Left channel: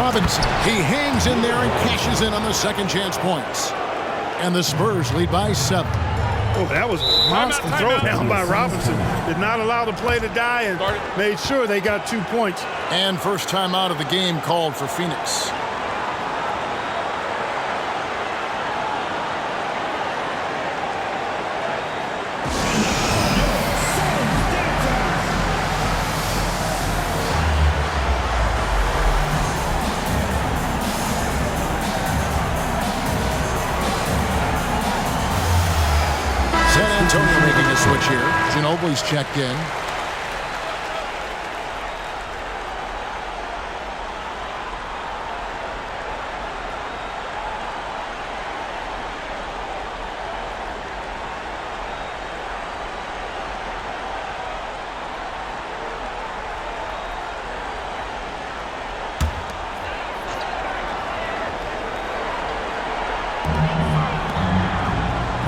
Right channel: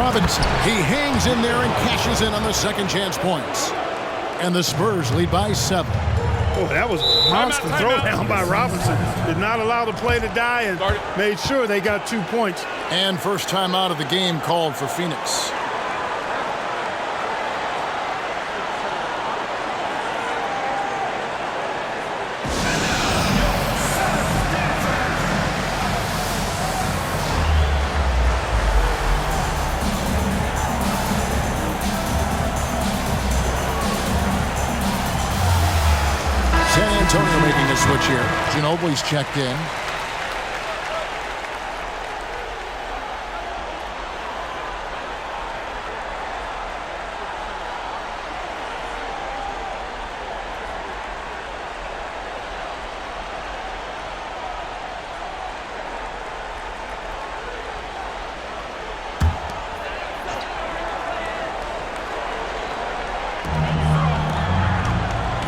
Robinson. He hangs in there and cashes in on the second chance points. And the Spurs lead by 7. Oh, that was a monster throwdown by Robinson. Did not allow the play to die and made sure they got 2 points. And first time out of the game called for Phoenix. San Antonio making a switch here. Ginobili's checked in.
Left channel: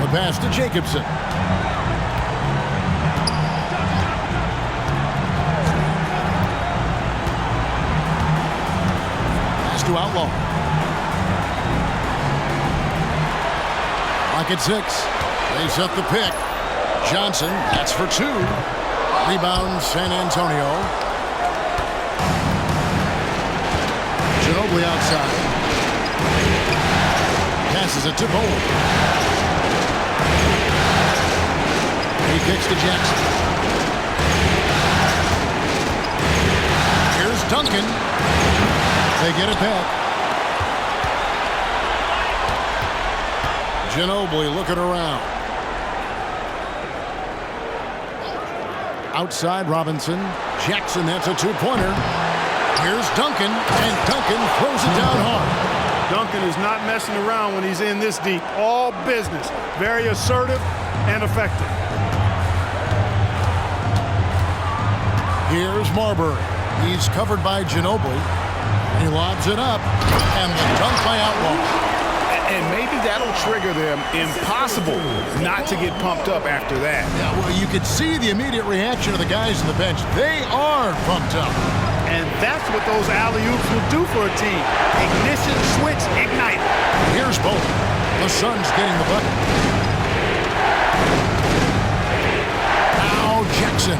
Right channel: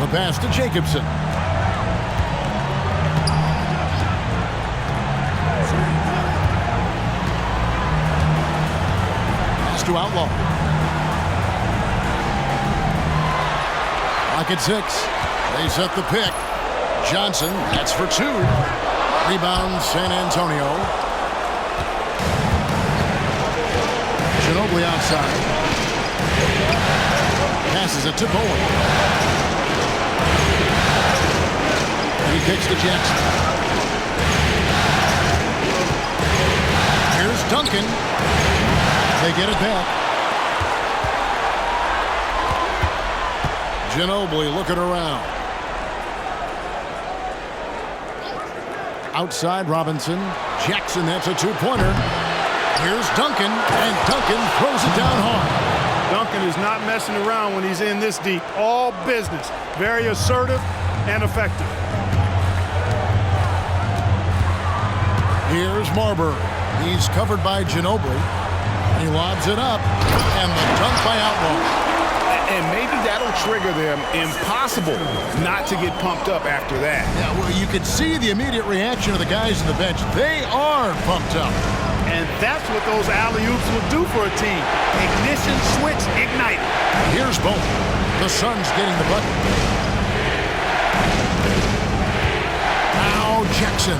The pass to Jacobson. Pass to Outlaw. Clock at 6. They set the pick. Johnson, that's for 2. Rebound San Antonio. Ginobili outside. Passes it to Bowen. He kicks to Jackson. Here's Duncan. They get it back. Ginobili looking around. Outside Robinson. Jackson, that's a 2-pointer. Here's Duncan, and Duncan throws it down hard. Duncan is not messing around when he's in this deep. All business. Very assertive and effective. Here's Marbury. He's covered by Ginobili. He lobs it up, and the dunk by Outlaw. And maybe that'll trigger them. Impossible not to get pumped up after that. Yeah, well, you could see the immediate reaction of the guys on the bench. They are pumped up. And that's what those alley-oops will do for a team. Ignition switch ignited. Here's Bowen. The Suns getting the bucket. Now Jackson.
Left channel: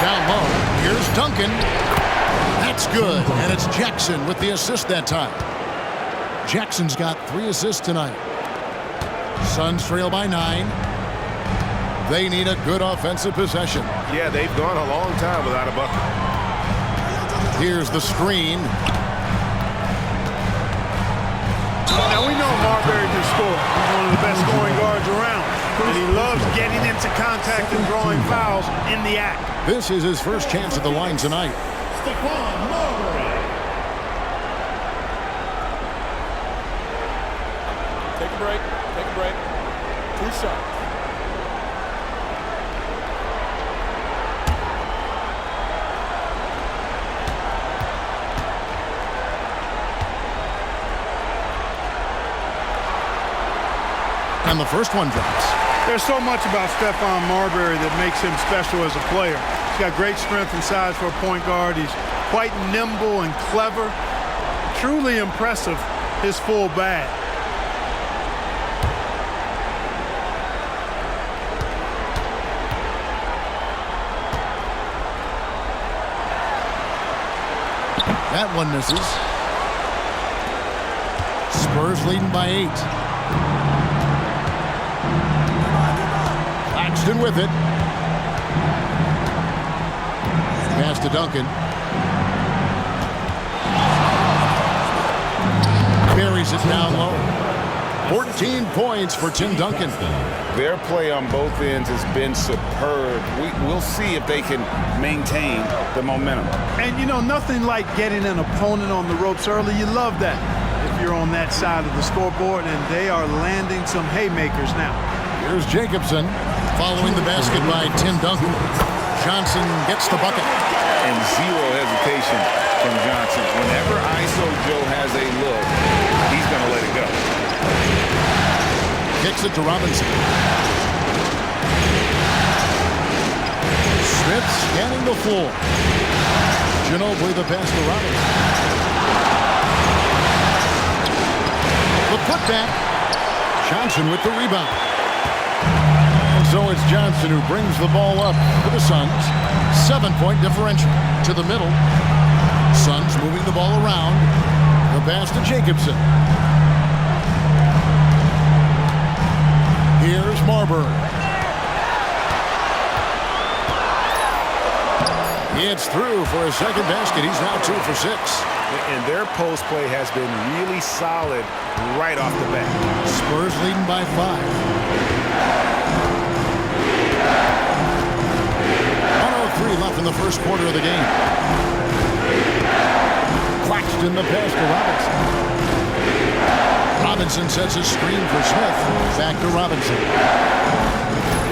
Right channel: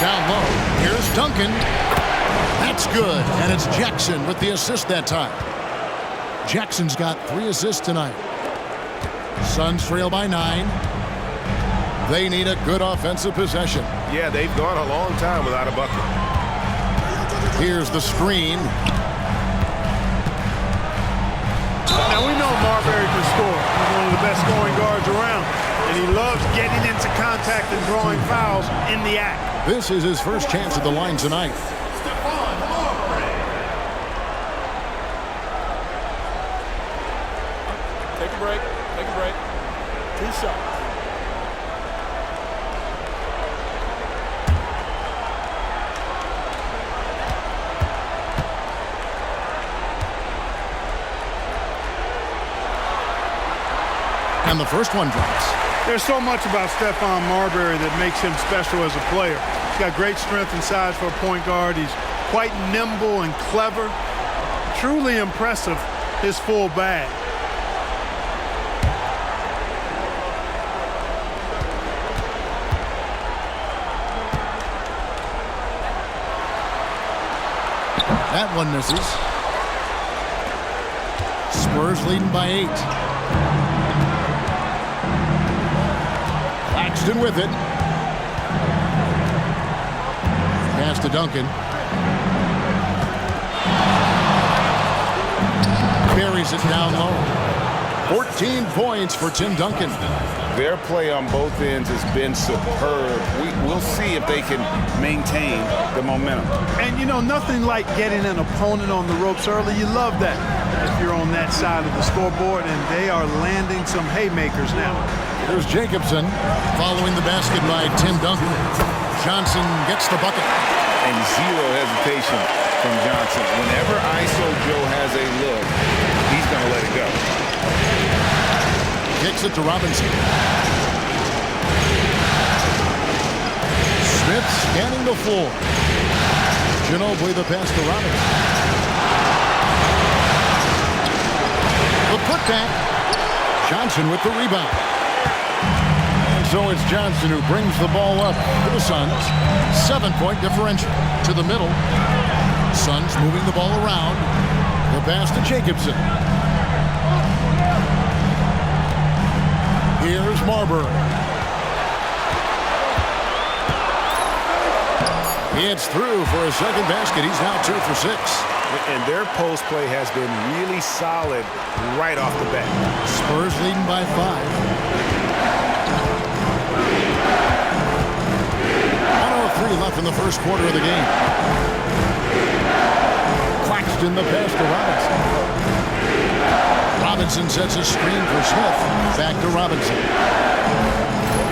Down low. Here's Duncan. That's good. And it's Jackson with the assist that time. Jackson's got 3 assists tonight. Suns trail by 9. They need a good offensive possession. Yeah, they've gone a long time without a bucket. Here's the screen. Now we know Marbury can score. He's one of the best scoring guards around. And he loves getting into contact and drawing fouls in the act. This is his first chance at the line tonight. Stephon Marbury. Take a break. Take a break. 2 shots. And the first one drops. There's so much about Stephon Marbury that makes him special as a player. He's got great strength and size for a point guard. He's quite nimble and clever. Truly impressive, his full bag. That one misses. Spurs leading by 8. Claxton with it. Pass to Duncan. Buries it down low. 14 points for Tim Duncan. Their play on both ends has been superb. We'll see if they can maintain the momentum. And, you know, nothing like getting an opponent on the ropes early. You love that if you're on that side of the scoreboard, and they are landing some haymakers now. Here's Jacobson following the basket by Tim Duncan. Johnson gets the bucket. And zero hesitation from Johnson. Whenever ISO Joe has a look, he's going to let it go. Kicks it to Robinson. Smith scanning the floor. Ginobili the pass to Robinson. The putback. Johnson with the rebound. And so it's Johnson who brings the ball up for the Suns. 7-point differential. To the middle. Suns moving the ball around. The pass to Jacobson. Here's Marbury. It's through for a second basket. He's now 2 for 6. And their post play has been really solid right off the bat. Spurs leading by 5. 1:03 left in the first quarter of the game. Claxton the pass to Robinson. Robinson sets a screen for Smith. Back to Robinson.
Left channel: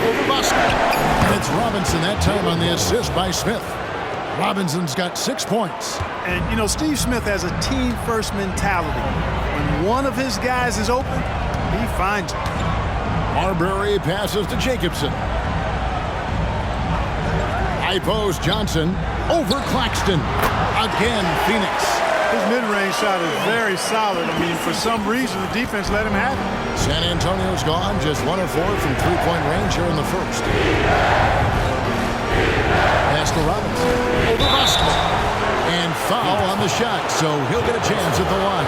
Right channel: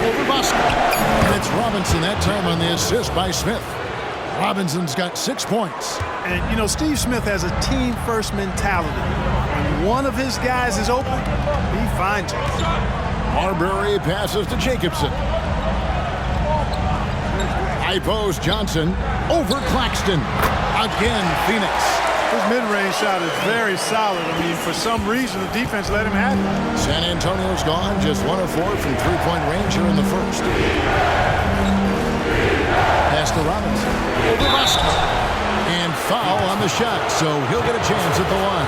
Over Bosco. And it's Robinson that time on the assist by Smith. Robinson's got 6 points. And, you know, Steve Smith has a team-first mentality. When one of his guys is open, he finds it. Marbury passes to Jacobson. High post Johnson. Over Claxton. Again, Phoenix. His mid-range shot is very solid. I mean, for some reason, the defense let him have it. San Antonio's gone just 1 of 4 from three-point range here in the first. Pass to Robinson. Over Bosco. And foul on the shot, so he'll get a chance at the line.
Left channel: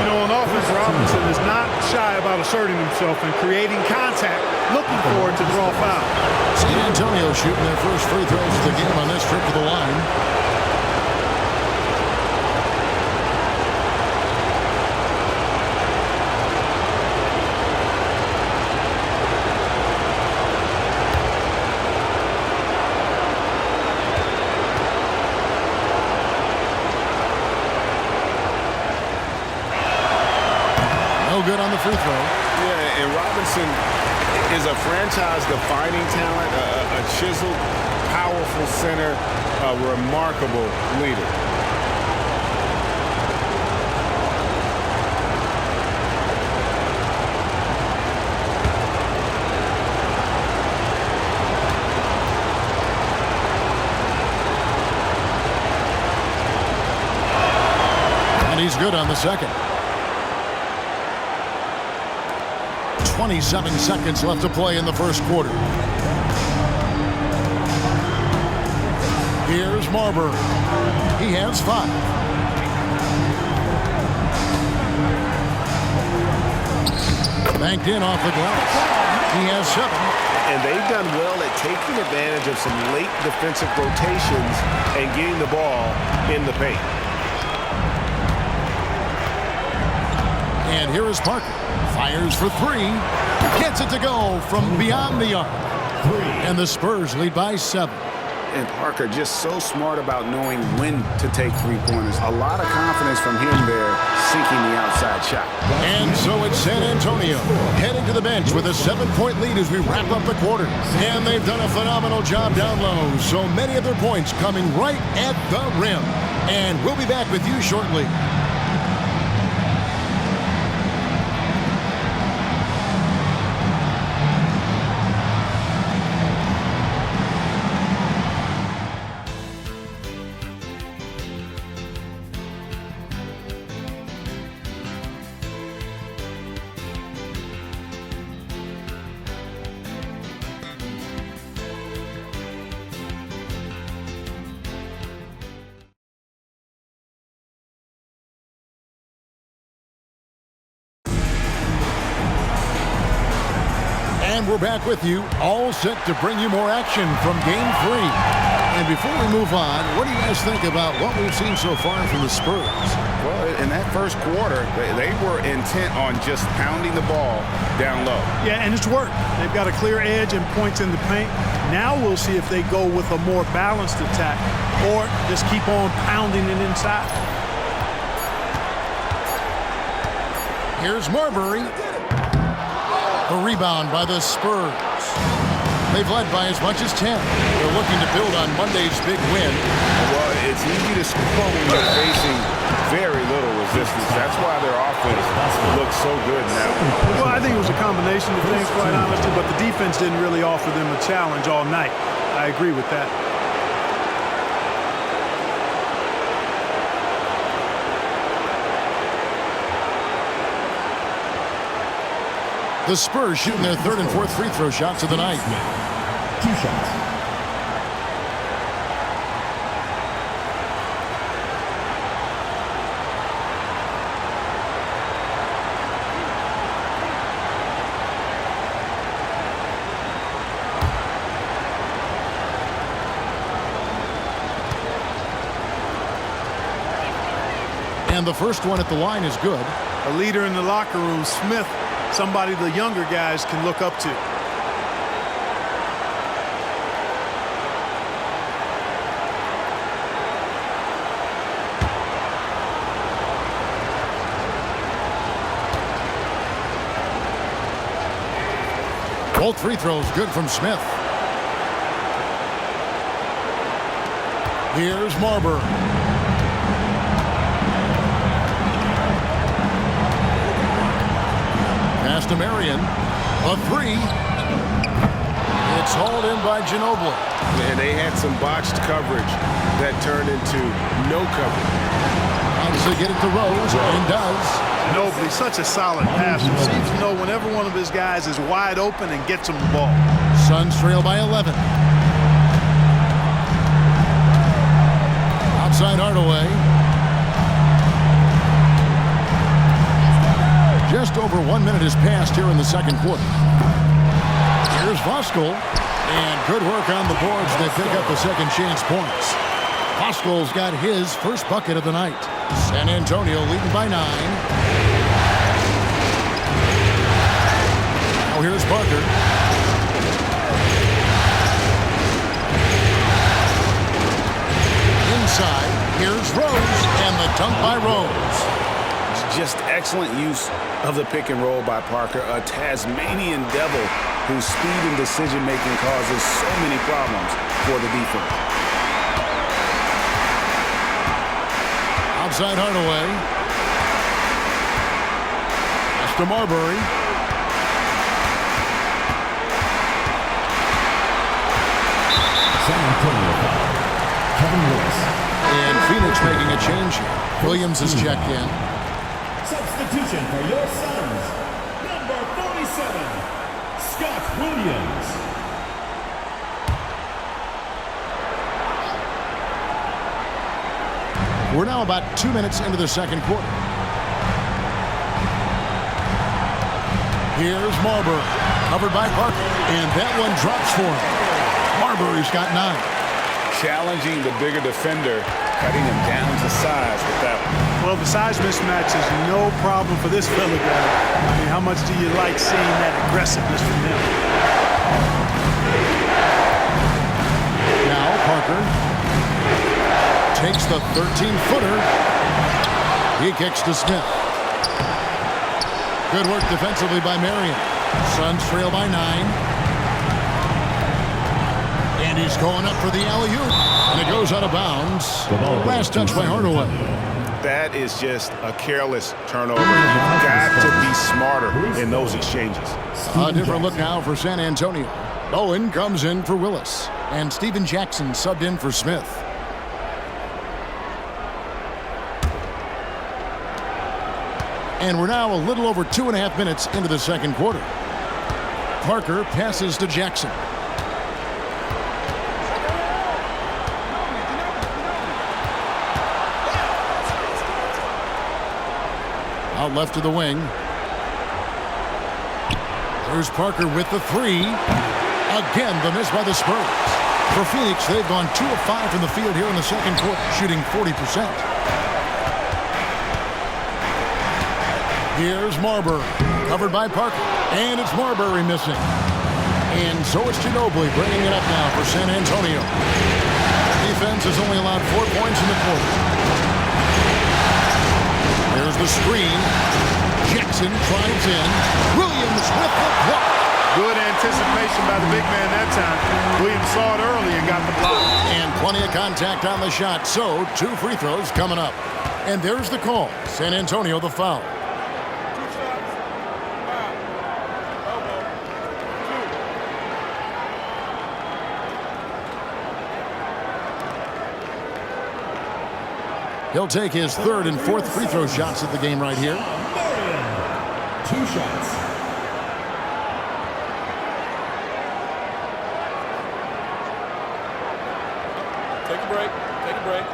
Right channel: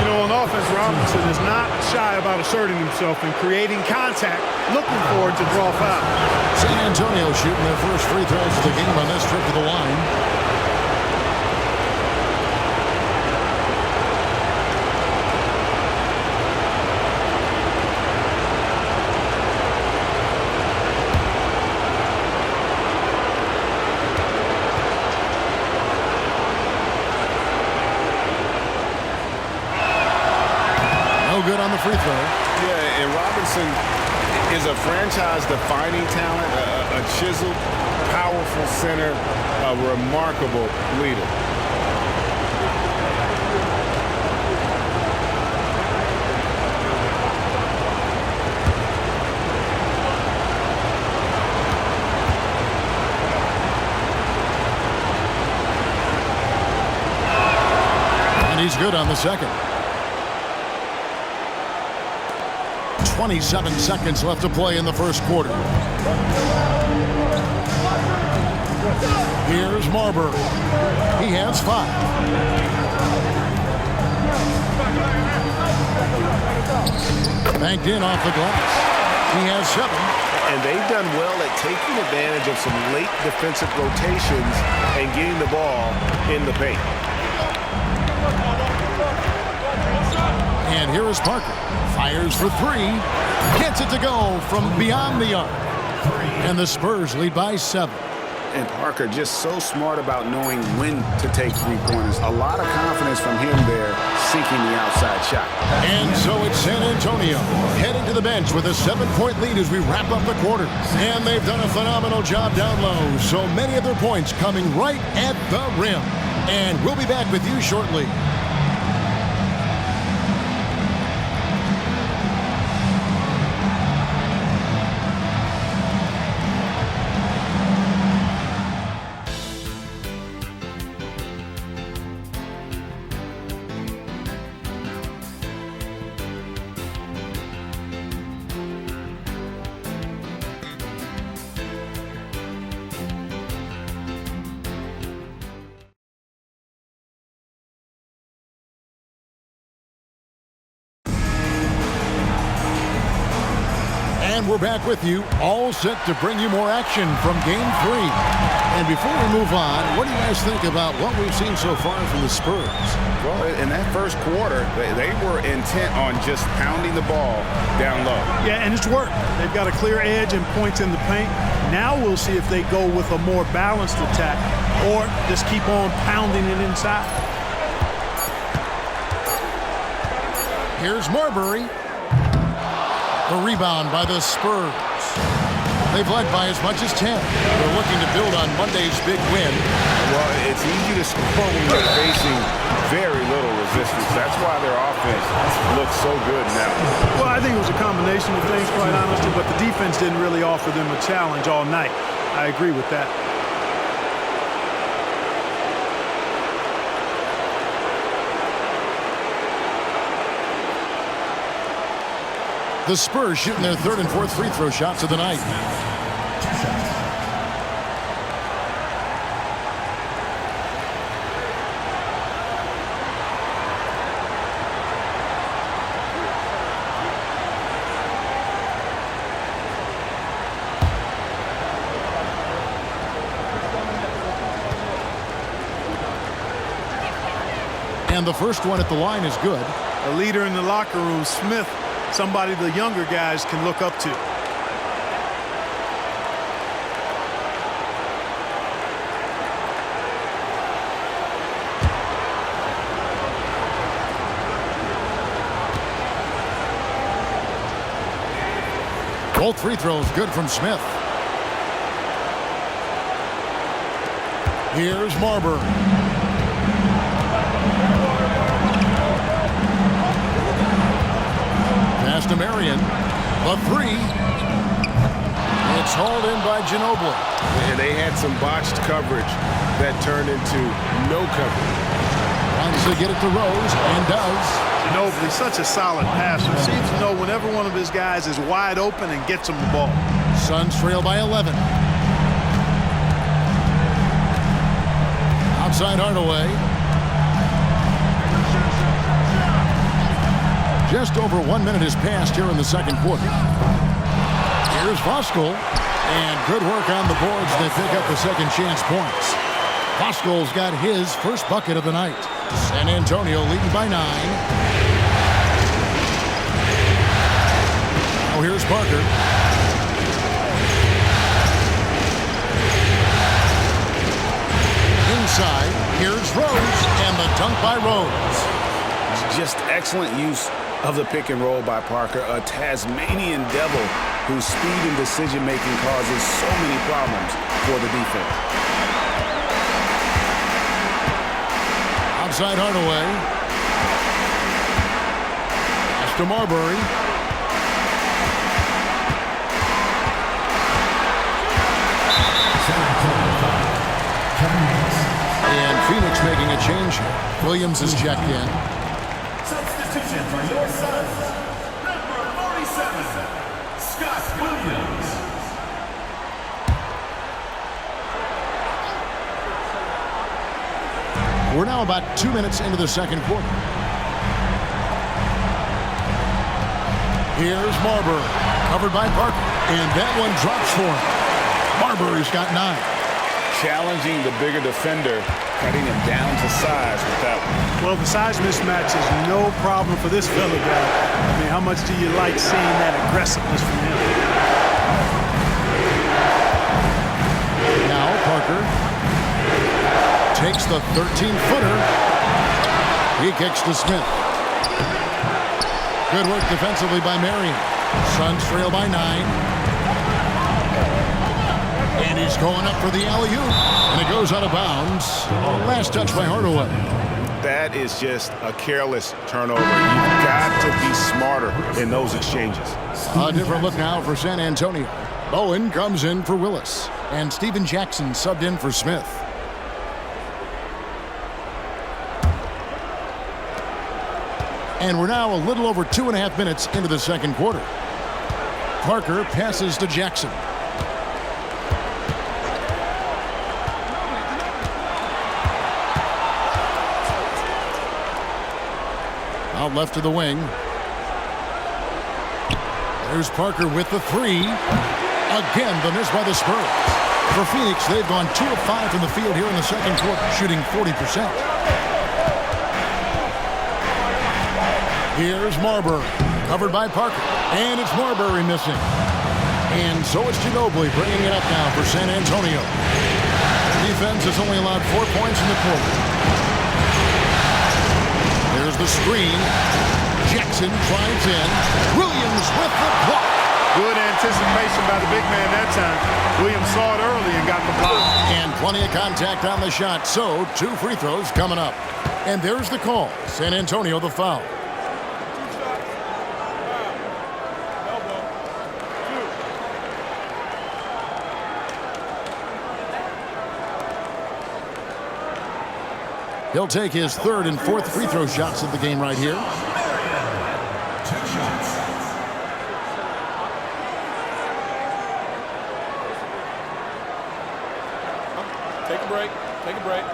You know, on offense, Robinson is not shy about asserting himself and creating contact, looking for it to draw foul. San Antonio shooting their first free throws of the game on this trip to the line. No good on the free throw. Yeah, and Robinson is a franchise-defining talent, a chiseled, powerful center, a remarkable leader. And he's good on the second. 27 seconds left to play in the first quarter. Here's Marbury. He has 5. Banked in off the glass. He has 7. And they've done well at taking advantage of some late defensive rotations and getting the ball in the paint. And here is Parker. Fires for 3. Gets it to go from beyond the arc. And the Spurs lead by 7. And Parker just so smart about knowing when to take three-pointers. A lot of confidence from him there, sinking the outside shot. And so it's San Antonio heading to the bench with a 7-point lead as we wrap up the quarter. And they've done a phenomenal job down low. So many of their points coming right at the rim. And we'll be back with you shortly. And we're back with you, all set to bring you more action from Game 3. And before we move on, what do you guys think about what we've seen so far from the Spurs? Well, in that first quarter, they were intent on just pounding the ball down low. Yeah, and it's worked. They've got a clear edge and points in the paint. Now we'll see if they go with a more balanced attack or just keep on pounding it inside. Here's Marbury. The rebound by the Spurs. They've led by as much as 10. They're looking to build on Monday's big win. Well, it's easy to score when you're facing very little resistance. That's why their offense looks so good now. Well, I think it was a combination of things, quite honestly, but the defense didn't really offer them a challenge all night. I agree with that. The Spurs shooting their third and fourth free throw shots of the night. 2 shots. And the first one at the line is good. A leader in the locker room, Smith, somebody the younger guys can look up to. Both free throws good from Smith. Here's Marbury. Pass to Marion. The three. It's hauled in by Ginobili. And they had some botched coverage that turned into no coverage. Tries to get it to Rose and does. Ginobili, such a solid passer. Seems to know whenever one of his guys is wide open and gets him the ball. Suns trail by 11. Outside Hardaway. Just over 1 minute has passed here in the second quarter. Here's Voskuhl. And good work on the boards. They pick up the second chance points. Voskuhl's got his first bucket of the night. San Antonio leading by 9. Now here's Parker. Inside, here's Rose, and the dunk by Rose. Just excellent use of the pick and roll by Parker, a Tasmanian devil whose speed and decision-making causes so many problems for the defense. Outside Hardaway. Pass to Marbury. San Antonio foul. Kevin Willis. And Phoenix making a change here. Williams is checked in. Substitution for your Suns. Number 47, Scott Williams. We're now about 2 minutes into the second quarter. Here's Marbury, covered by Parker, and that one drops for him. Marbury's got 9. Challenging the bigger defender, cutting him down to size with that one. Well, the size mismatch is no problem for this fella guy. I mean, how much do you like seeing that aggressiveness from him? Now Parker takes the 13-footer. He kicks to Smith. Good work defensively by Marion. Suns trail by 9. And he's going up for the alley-oop. And it goes out of bounds. Last touch by Hardaway. That is just a careless turnover. You've got to be smarter in those exchanges. A different look now for San Antonio. Bowen comes in for Willis. And Steven Jackson subbed in for Smith. And we're now a little over 2.5 minutes into the second quarter. Parker passes to Jackson. Out left to the wing. There's Parker with the 3. Again, the miss by the Spurs. For Phoenix, they've gone 2 of 5 from the field here in the second quarter, shooting 40%. Here's Marbury, covered by Parker, and it's Marbury missing. And so it's Ginobili bringing it up now for San Antonio. The defense has only allowed 4 points in the quarter. There's the screen. Jackson drives in. Williams with the block. Good anticipation by the big man that time. Williams saw it early and got the block. And plenty of contact on the shot, so 2 free throws coming up. And there's the call. San Antonio the foul. 2 shots. Foul. Elbow. 2. He'll take his 3rd and 4th free throw shots of the game right here. 2 shots. Take a break. Take a break.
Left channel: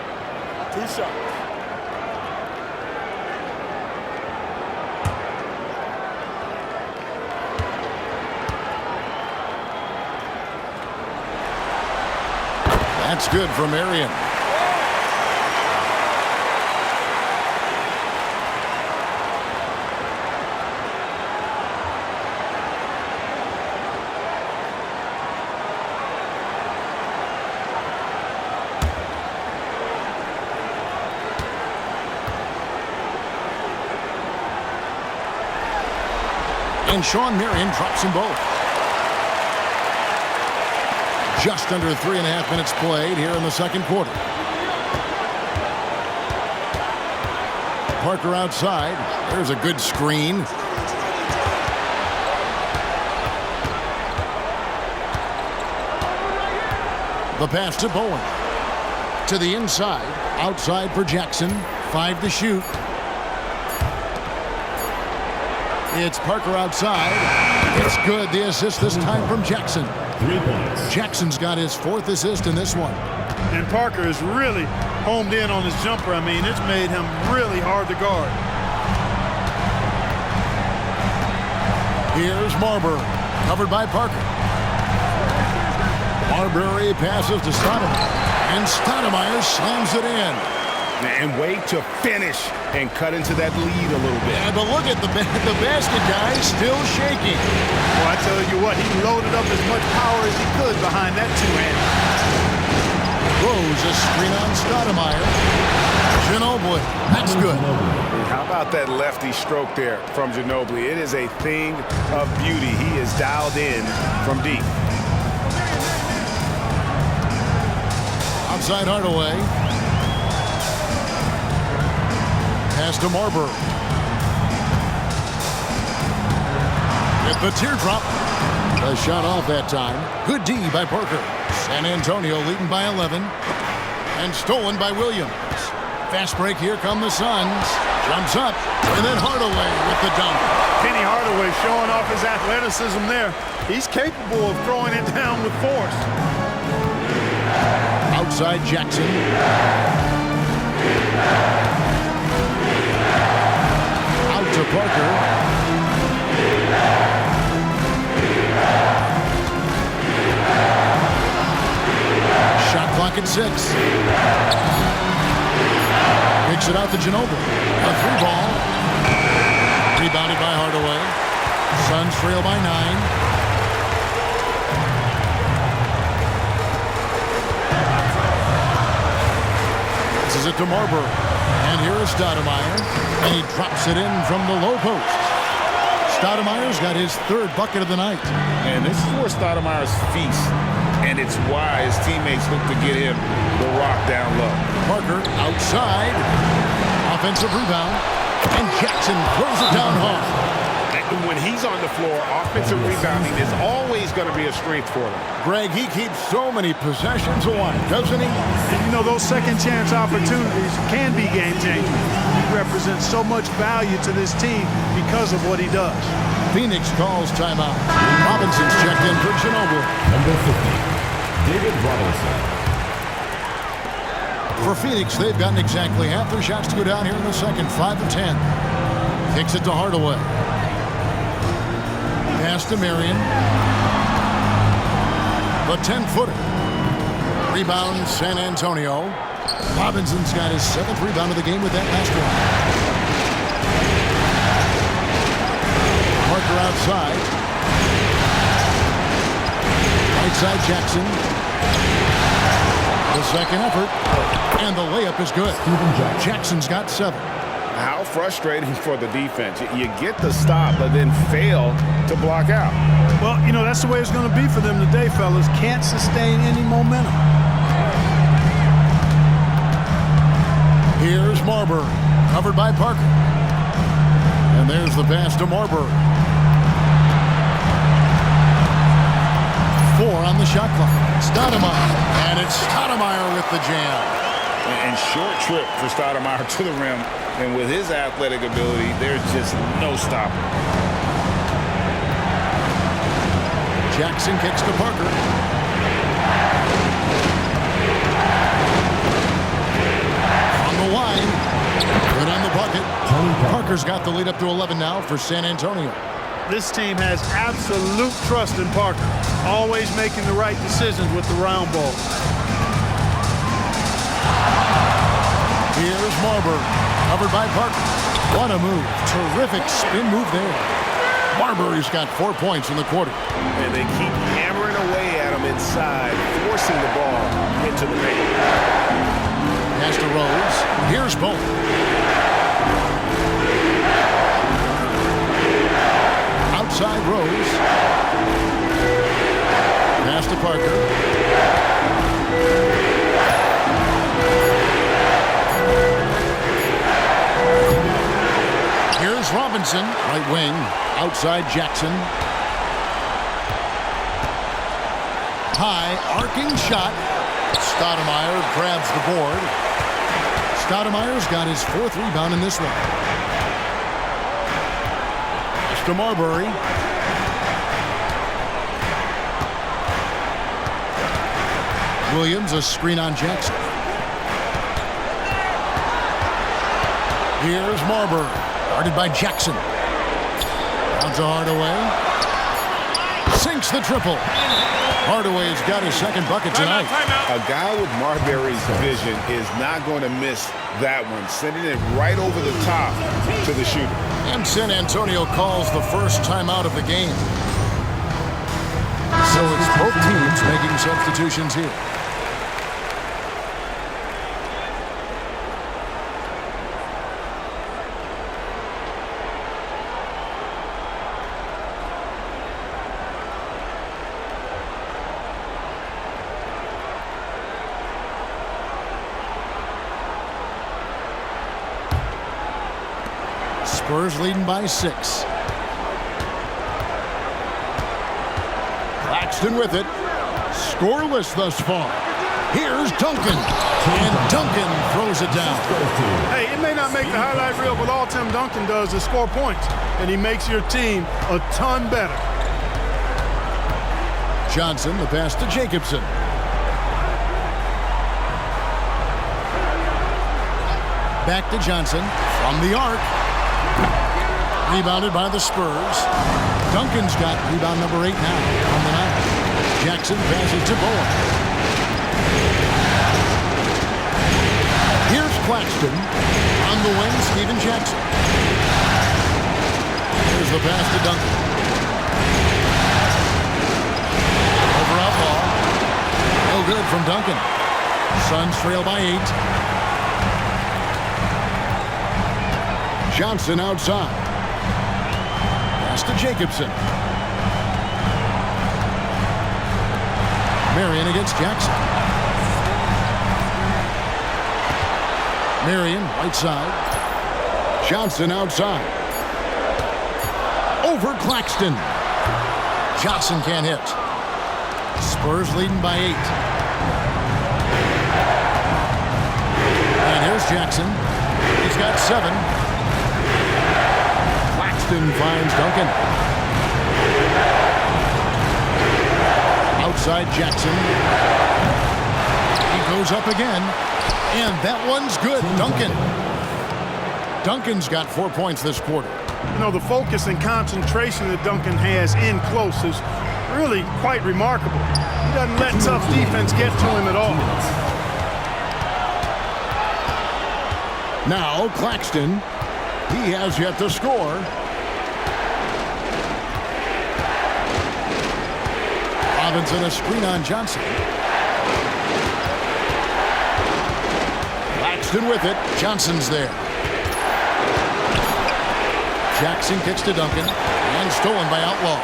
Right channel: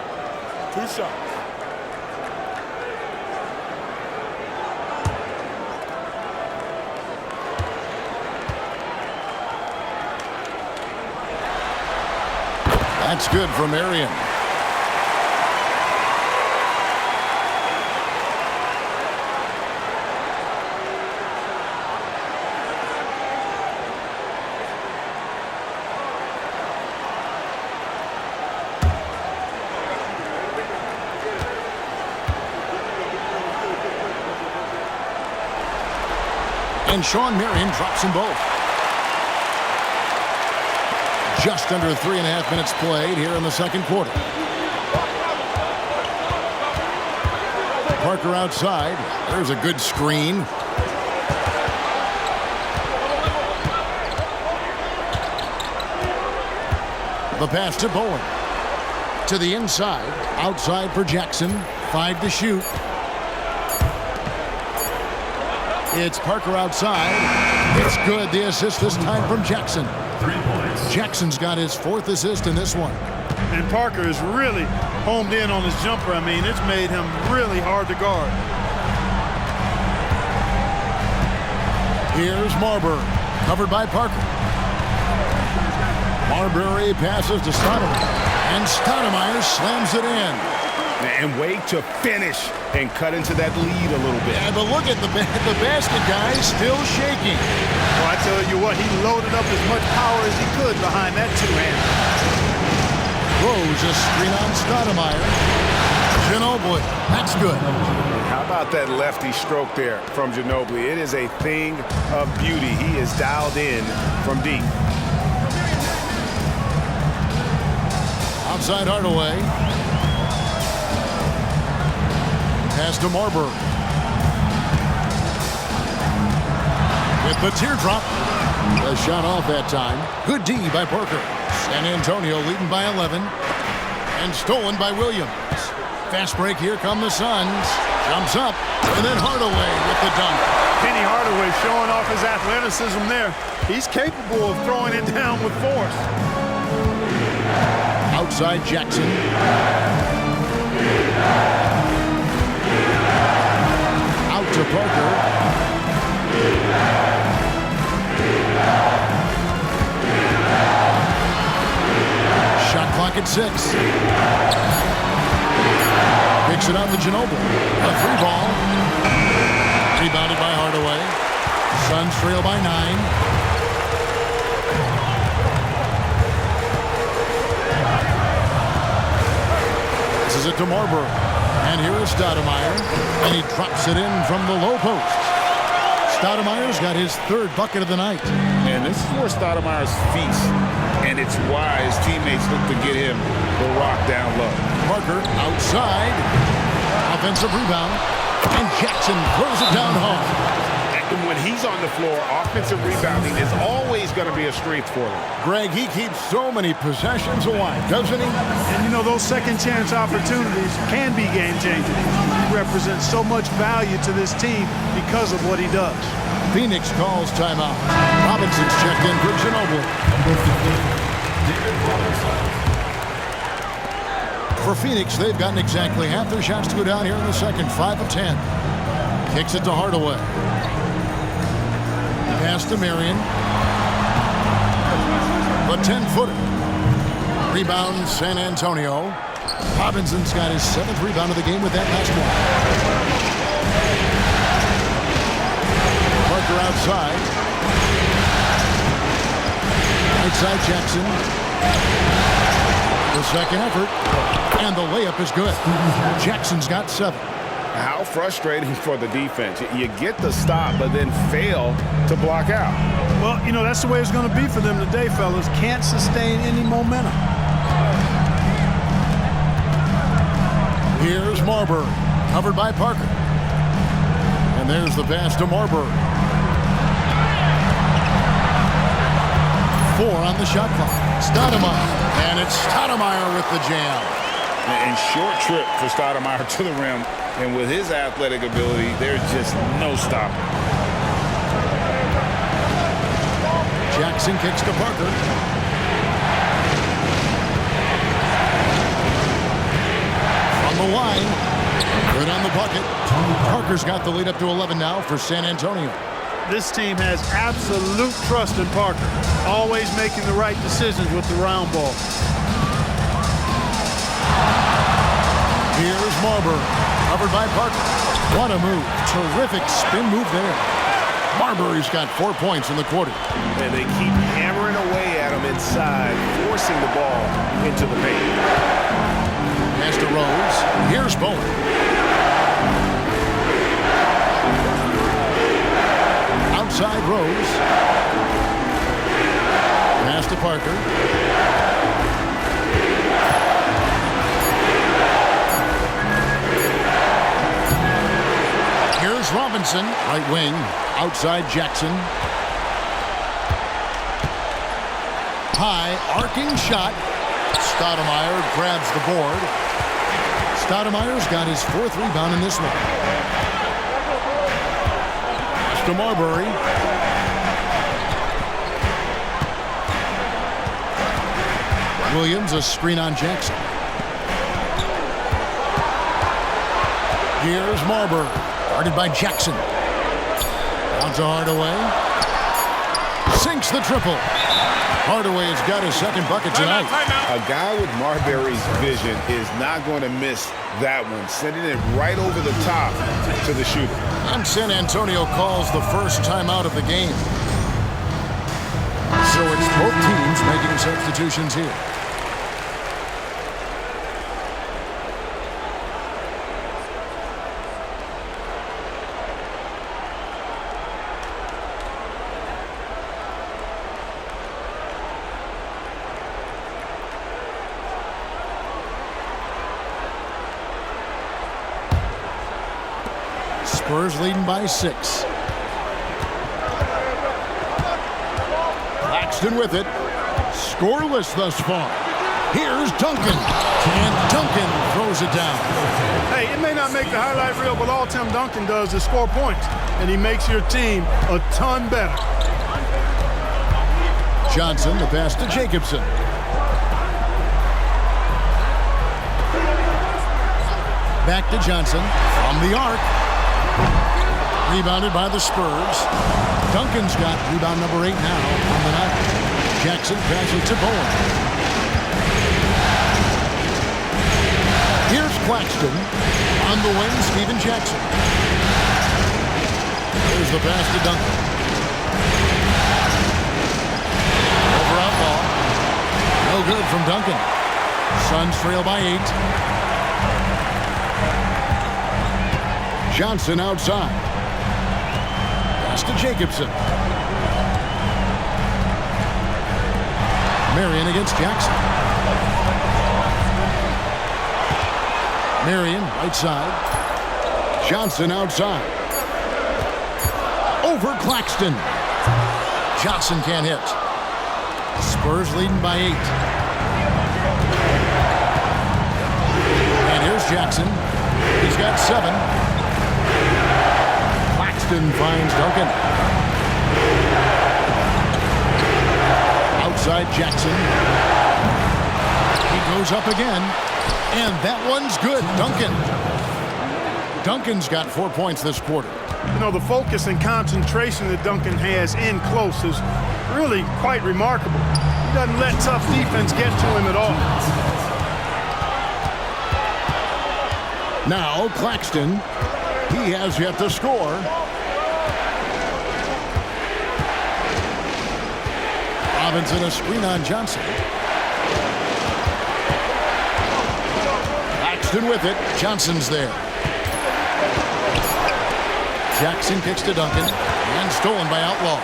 2 shots. That's good from Marion. And Sean Marion drops them both. Just under 3.5 minutes played here in the second quarter. Parker outside. There's a good screen. The pass to Bowen. To the inside. Outside for Jackson. 5 to shoot. It's Parker outside. It's good. The assist this time from Jackson. 3 points. Jackson's got his 4th assist in this one. And Parker is really homed in on his jumper. I mean, it's made him really hard to guard. Here's Marbury, covered by Parker. Marbury passes to Stoudemire, and Stoudemire slams it in. And way to finish and cut into that lead a little bit. Yeah, but look at the basket, guys, still shaking. Well, I tell you what, he loaded up as much power as he could behind that two-hand. Throws a screen on Stoudemire. Ginobili, that's good. And how about that lefty stroke there from Ginobili? It is a thing of beauty. He is dialed in from deep. Outside Hardaway. Pass to Marbury. With the teardrop. The shot off that time. Good D by Parker. San Antonio leading by 11. And stolen by Williams. Fast break, here come the Suns. Jumps up. And then Hardaway with the dunk. Penny Hardaway showing off his athleticism there. He's capable of throwing it down with force. Outside Jackson. Out to Parker. Shot clock at 6. Picks it out to Ginobili. A 3-ball. Rebounded by Hardaway. Suns trail by 9. This is it to Marbury. And here is Stoudemire. And he drops it in from the low post. Stoudemire's got his 3rd bucket of the night. And this is where Stoudemire's feast. And it's why his teammates look to get him the rock down low. Parker outside. Offensive rebound. And Jackson throws it down hard. And when he's on the floor, offensive rebounding is always going to be a strength for them. Greg, he keeps so many possessions alive, doesn't he? And you know, those second chance opportunities can be game changers. He represents so much value to this team because of what he does. Phoenix calls timeout. Robinson's checked in for Ginobili. Number 50, David Robinson. For Phoenix, they've gotten exactly half their shots to go down here in the second. 5 of 10. Kicks it to Hardaway. Pass to Marion. The 10-footer. Rebound, San Antonio. Robinson's got his 7th rebound of the game with that last one. Parker outside. Right side Jackson. The second effort. And the layup is good. Jackson's got 7. How frustrating for the defense. You get the stop, but then fail to block out. Well, you know, that's the way it's going to be for them today, fellas. Can't sustain any momentum. Here's Marbury, covered by Parker. And there's the pass to Marbury. 4 on the shot clock. Stoudemire. And it's Stoudemire with the jam. And short trip for Stoudemire to the rim. And with his athletic ability, there's just no stopping. Jackson kicks to Parker. the line. Good on the bucket. Parker's got the lead up to 11 now for San Antonio. This team has absolute trust in Parker, always making the right decisions with the round ball. Here's Marbury, covered by Parker. What a move. Terrific spin move there. Marbury's got 4 points in the quarter. And they keep hammering away at him inside, forcing the ball into the paint. Pass to Rose. Here's Bowen. Outside Rose. Pass to Parker. Here's Robinson, right wing. Outside Jackson. High, arcing shot. Stoudemire grabs the board. Stoudemire's got his 4th rebound in this one. Pass to Marbury. Williams, a screen on Jackson. Here's Marbury, guarded by Jackson. Down to Hardaway. Sinks the triple. Hardaway's got his 2nd bucket tonight. A guy with Marbury's vision is not going to miss that one, sending it right over the top to the shooter. And San Antonio calls the first timeout of the game. So it's both teams making substitutions here. Spurs leading by 6. Claxton with it. Scoreless thus far. Here's Duncan. And Duncan throws it down. Hey, it may not make the highlight reel, but all Tim Duncan does is score points. And he makes your team a ton better. Johnson, the pass to Jacobson. Back to Johnson from the arc. Rebounded by the Spurs. Duncan's got rebound number 8 now on the night. Jackson passes to Bowen. Here's Claxton. On the wing, Steven Jackson. There's the pass to Duncan. Over Outlaw. No good from Duncan. Suns trail by 8. Johnson outside. Pass to Jacobson. Marion against Jackson. Marion, right side. Johnson outside. Over Claxton. Johnson can't hit. Spurs leading by 8. And here's Jackson. He's got 7. Claxton finds Duncan. Outside Jackson. He goes up again. And that one's good. Duncan's got 4 points this quarter. You know, the focus and concentration that Duncan has in close is really quite remarkable. He doesn't let tough defense get to him at all. Now Claxton. He has yet to score. Robinson, a screen on Johnson. Claxton with it. Johnson's there. Jackson kicks to Duncan. And stolen by Outlaw.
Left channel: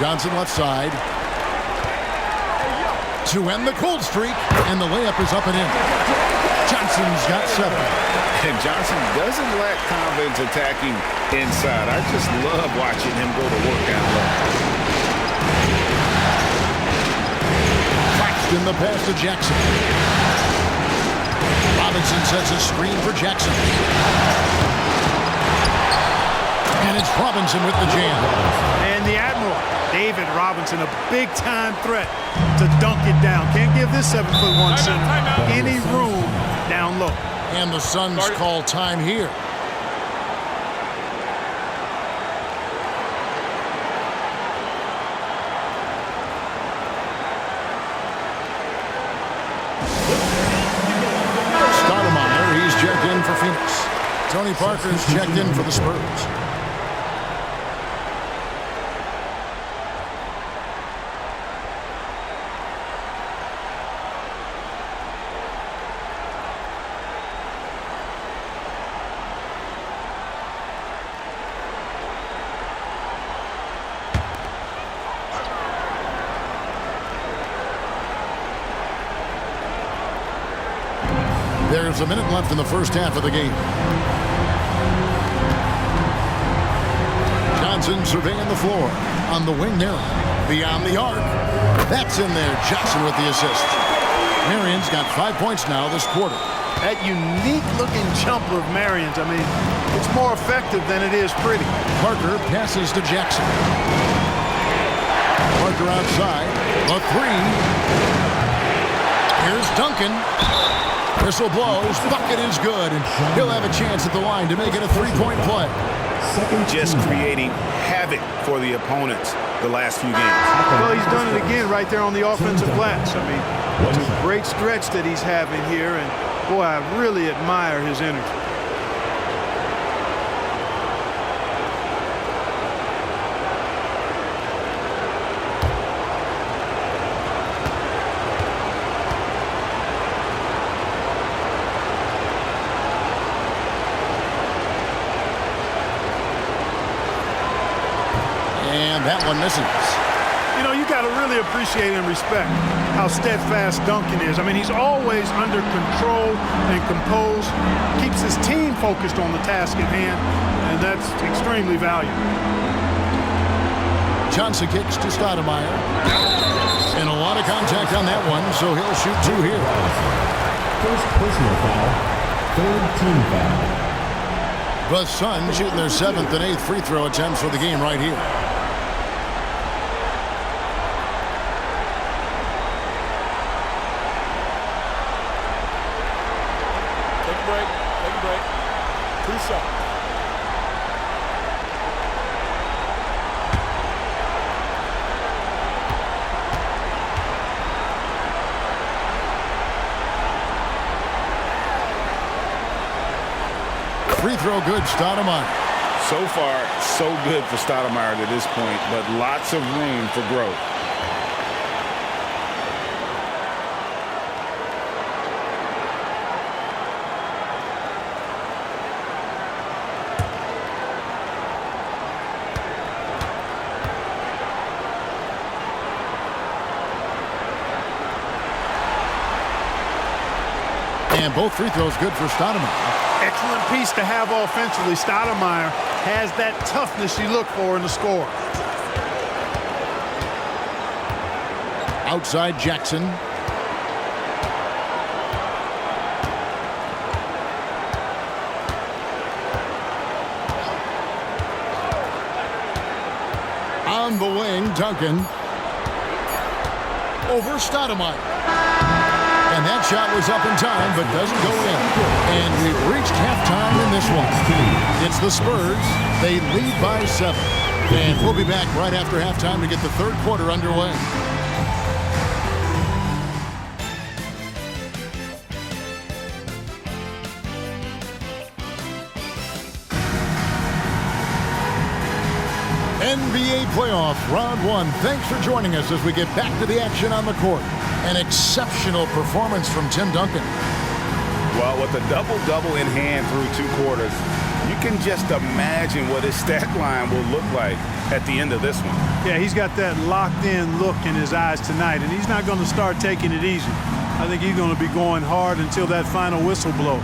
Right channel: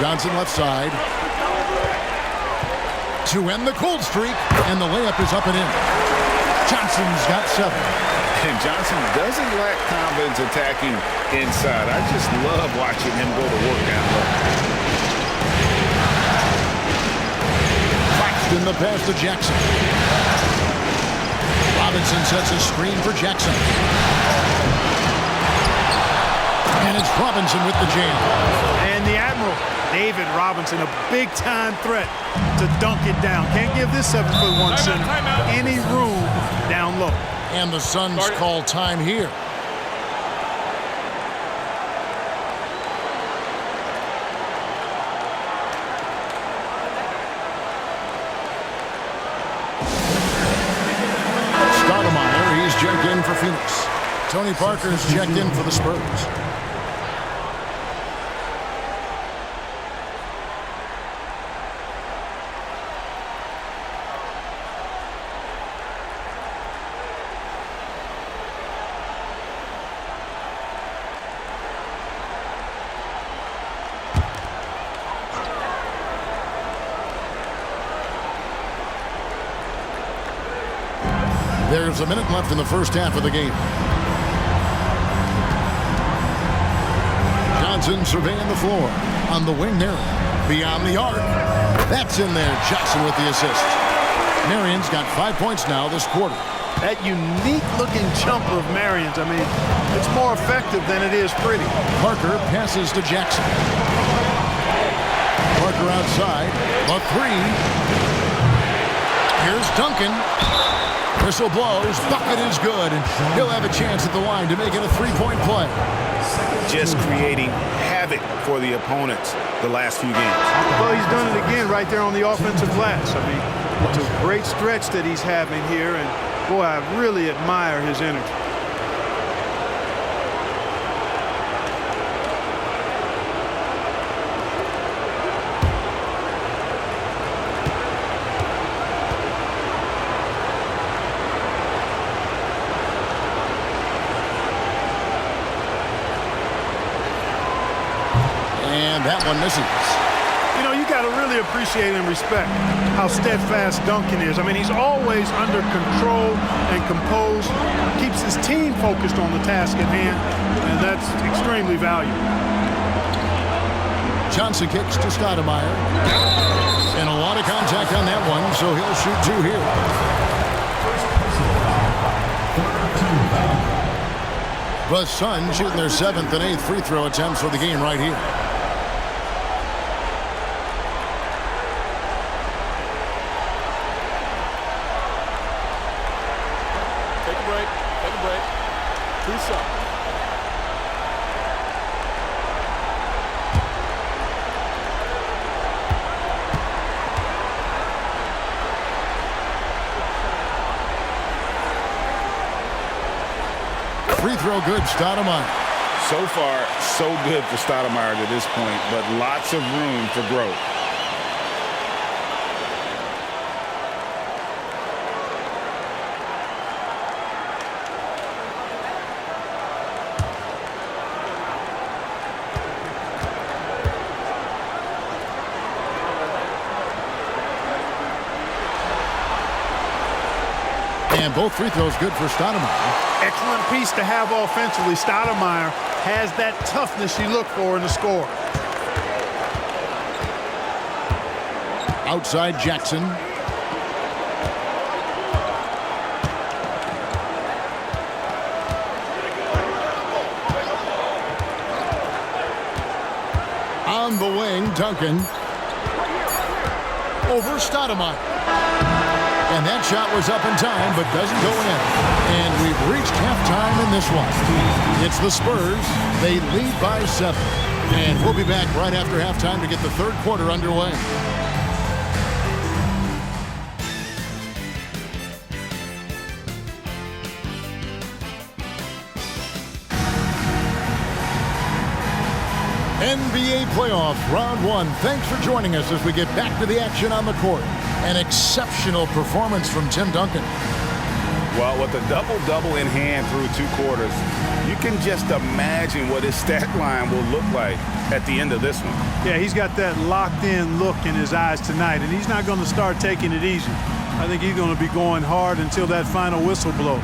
Johnson left side. To end the cold streak. And the layup is up and in. Johnson's got 7. And Johnson doesn't lack confidence attacking inside. I just love watching him go to work down low. Claxton, the pass to Jackson. Robinson sets a screen for Jackson. And it's Robinson with the jam. And the Admiral, David Robinson, a big-time threat to dunk it down. Can't give this 7'1" center any room down low. And the Suns call time here. Stoudemire, he's checked in for Phoenix. Tony Parker's checked in for the Spurs. There's a minute left in the first half of the game. Johnson surveying the floor. On the wing, Marion. Beyond the arc. That's in there. Johnson with the assist. Marion's got 5 points now this quarter. That unique-looking jumper of Marion's, I mean, it's more effective than it is pretty. Parker passes to Jackson. Parker outside. The three. Here's Duncan. Whistle blows. Bucket is good. And he'll have a chance at the line to make it a three-point play. Just creating havoc for the opponents the last few games. Well, he's done it again right there on the offensive glass. I mean, it's a great stretch that he's having here, and boy, I really admire his energy. And that one misses. You know, you got to really appreciate and respect how steadfast Duncan is. I mean, he's always under control and composed, keeps his team focused on the task at hand, and that's extremely valuable. Johnson kicks to Stoudemire. And a lot of contact on that one, so he'll shoot two here. First personal foul, third team foul. The Suns shooting their 7th and 8th free throw attempts for the game right here. Take a break. Take a break. 2 shots. Free throw good, Stoudemire. So far, so good for Stoudemire to this point, but lots of room for growth. And both free throws good for Stoudemire. Excellent piece to have offensively. Stoudemire has that toughness you look for in a scorer. Outside Jackson. On the wing, Duncan. Over Stoudemire. And that shot was up in time, but doesn't go in. And we've reached halftime in this one. It's the Spurs. They lead by 7. And we'll be back right after halftime to get the third quarter underway. NBA playoffs, round 1. Thanks for joining us as we get back to the action on the court. An exceptional performance from Tim Duncan. Well, with a double-double in hand through 2 quarters, you can just imagine what his stat line will look like at the end of this one. Yeah, he's got that locked-in look in his eyes tonight, and he's not going to start taking it easy. I think he's going to be going hard until that final whistle blows.